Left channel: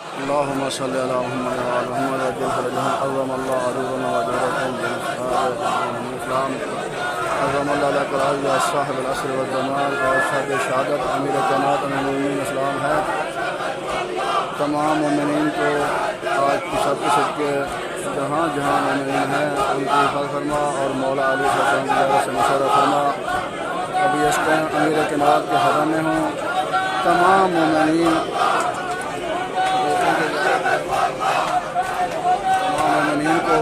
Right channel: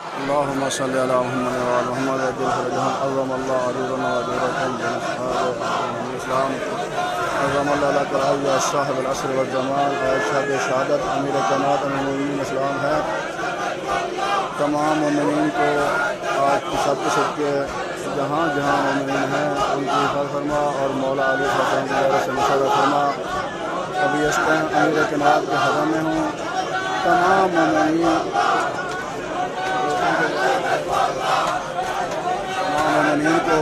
اللهم صل على محمد وعلى محمد وجل فرجهم. عظم الله أجورنا وأجوركم بنصحاب الإسلام. عظم الله لك العزيز صاحب العصر والزمان اور شب شہادت امیر کائنات امیر المؤمنین اسلام ہے. تمام مومنین کو آج کی شب کے صدقے جہاں جہاں مومنین ہیں ان کی حفاظت فرما اور مولا علی صلی اللہ علیہ وسلم کی زیارت سے مشرف فرما. ابھی اس ٹائم امیر کائنات کے حرم میں ہوں. تمام مومنین کو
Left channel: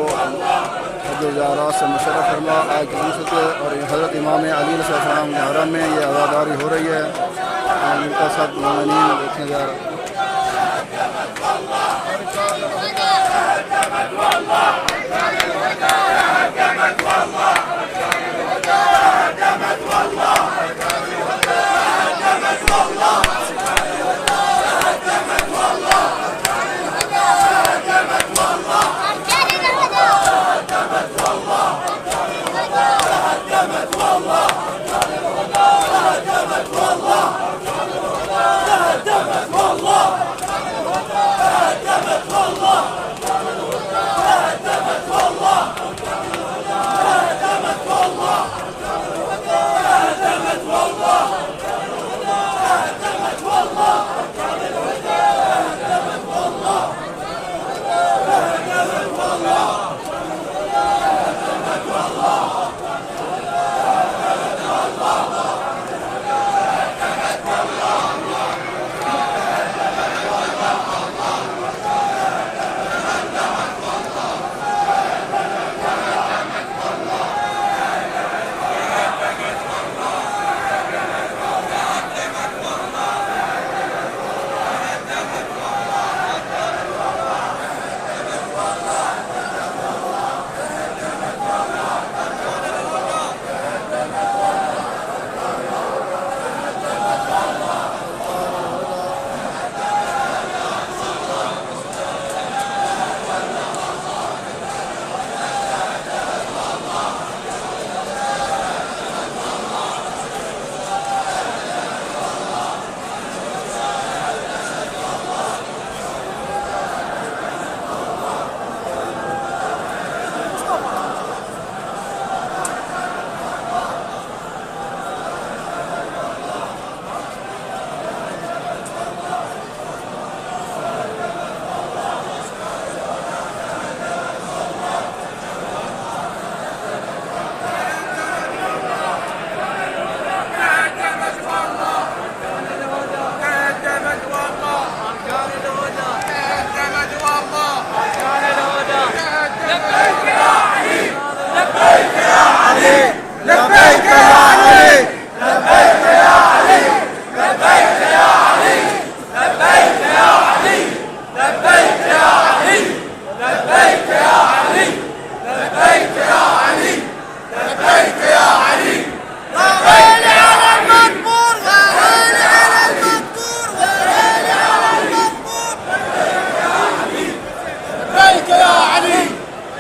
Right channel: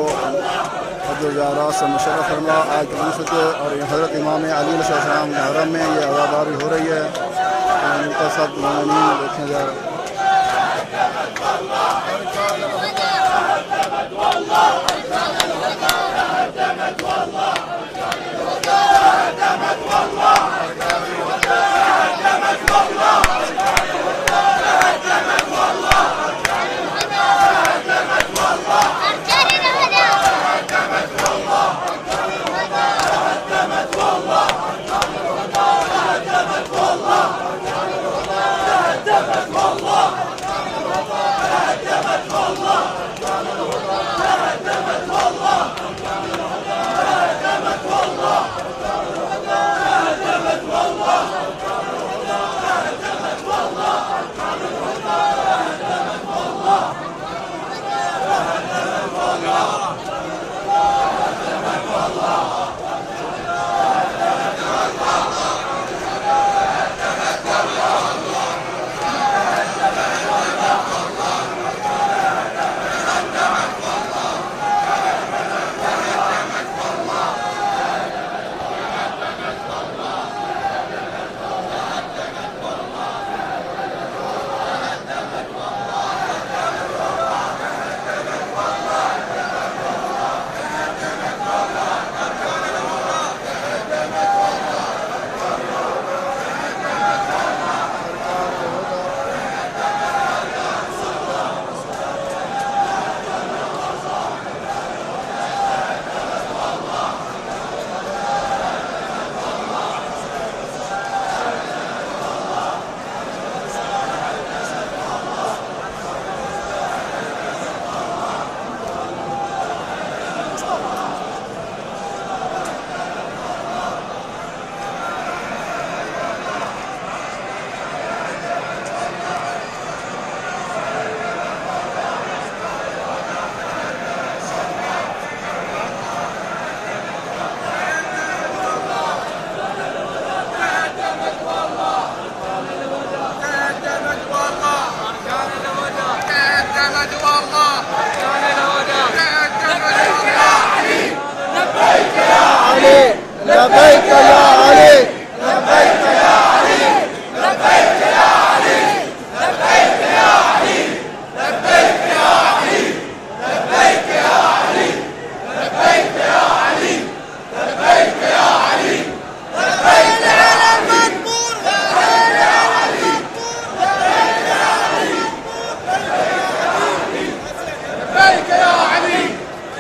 جو زیارات سے مشرف فرما. آج کی صدقے اور حضرت امام علی علیہ السلام کے حرم میں یہ عزاداری ہو رہی ہے. ان کا سب مومنین دیکھیں زیارت.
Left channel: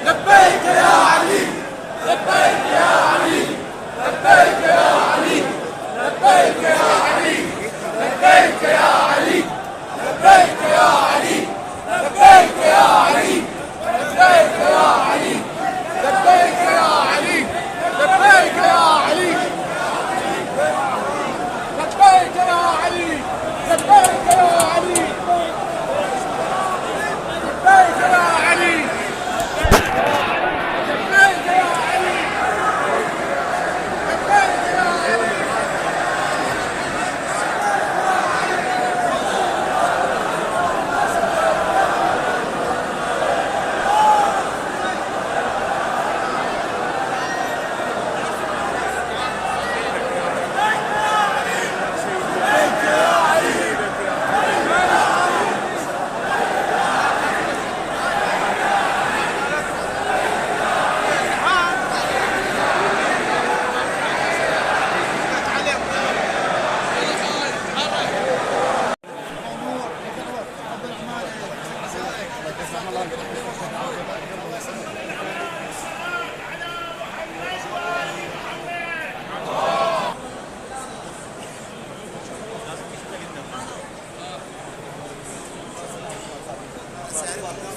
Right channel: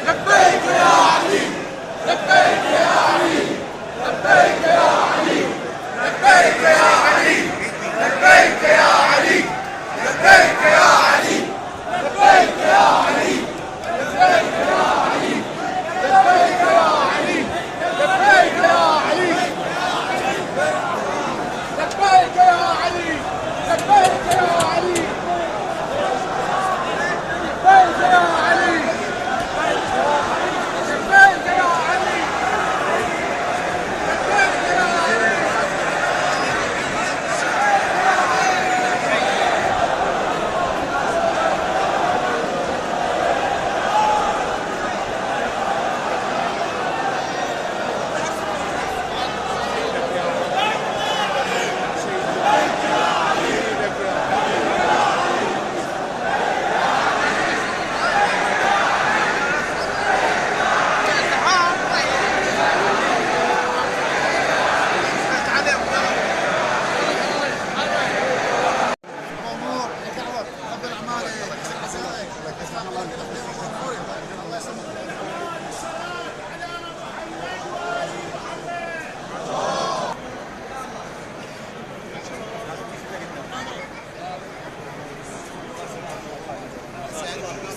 لبيك يا علي لبيك يا علي لبيك يا علي है